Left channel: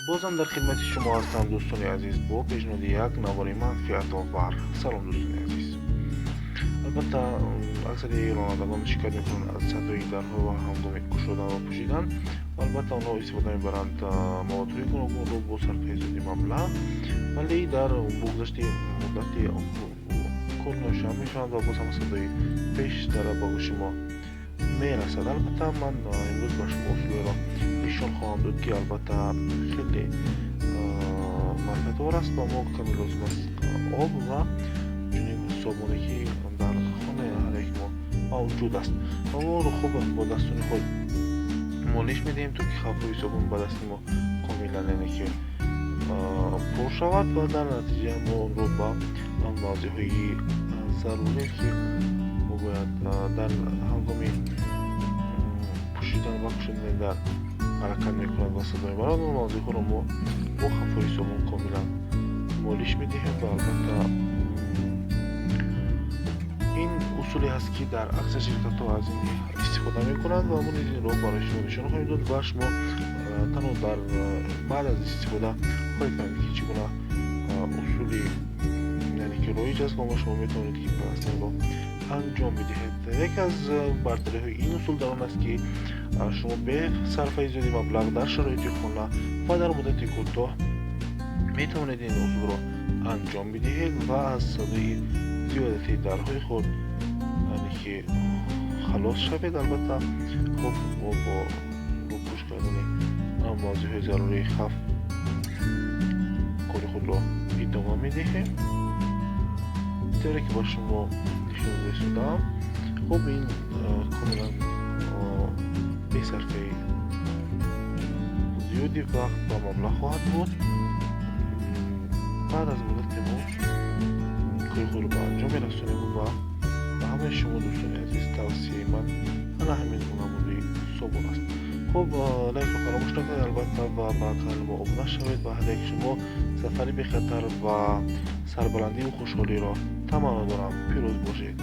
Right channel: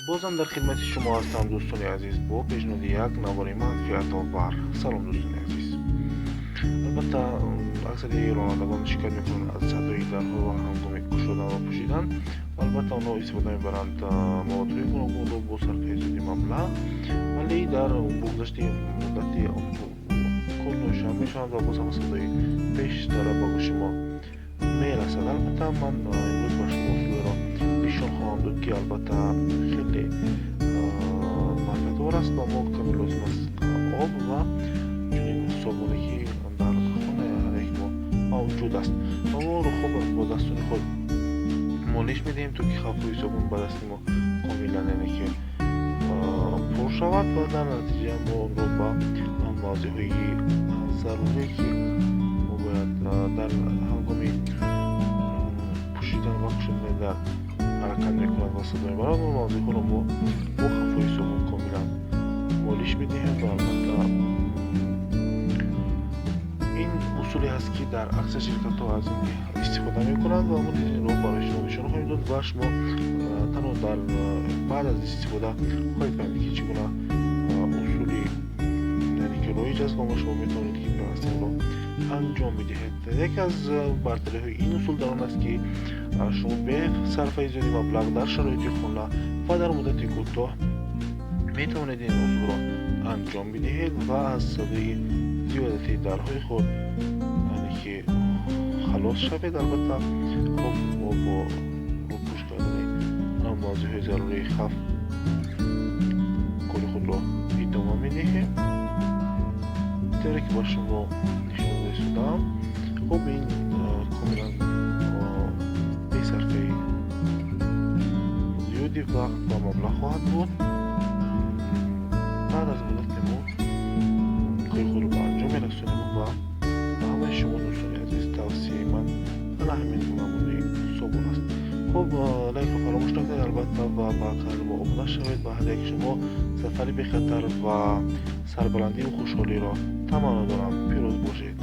بازم در خدمت شما هستم دوستان عزیز با پیشنهاد یک نوار منفعت آور. سلام دوستان عزیز. البته اکثر رانندگان شکایت میکنند از صدای درها هنگام گشودن و پوشیدن و البته آنها استفاده میبرند موادهای گوناگون رو با صرفه زیادی مبلغ، ولی در بگذشت مدتی کل نوشم میشوند و باز هم صدای بیشتر به گوش ما میرسد. البته من امروز به شما اصول را نشان خواهم داد که البته خیلی منفعت‌آور است و ما کمی لازم است آب و چنین صابونه که در خانه هر یک ما موجود است و ما رو خوب با دستون خود مالش میدهیم تا که خفوی صابون به دست ما کاملا یعنی که پر شود و در نتیجه ما اون رو با موضوع های ضروری که ما باید در هنگام پوشیدن و کشیدن در حرکت میکنند و صدا میبرند و موضوع ها رو ما با خفوی صابون کاملا مالش میدهیم و البته این اصولی هست که در اکثر شرکت ها از این استفاده میکنند و همون این رو برای شما نشان خواهیم داد و شما تنها در بعد از استفاده خواهید فهمید که چگونه اصولی یعنی که رایج است و شما میتوانید که این رو انجام بدهید. یک از برتری های این اصول در آن است که شما به صرفه زیادی مبلغ در شرایط خانه و در مدت کوتاه میتوانید این اصول را انجام بدهید و از صدای زیادتی درهای خود یعنی که خلاص شوید. البته خب ما با روپوش کردن موضوع های ضروری خف کار خود را ادامه میدهیم طوری که با شما نشان دادم. خب این کاملا به صرفه زیادی وقت و مبلغ خواهد بود. بعد از مدت ما کار خود رو به انجام میرسونیم و همه شما دوستان عزیز توصیه من حالا همین نمونه صابون است. خب لایک رو فراموش نکنید البته و با کانال ما عضو شوید و هر یک شما سفری بی خطر و سربلندی و خوشحالی را تمنا دارم. پیروز باشید.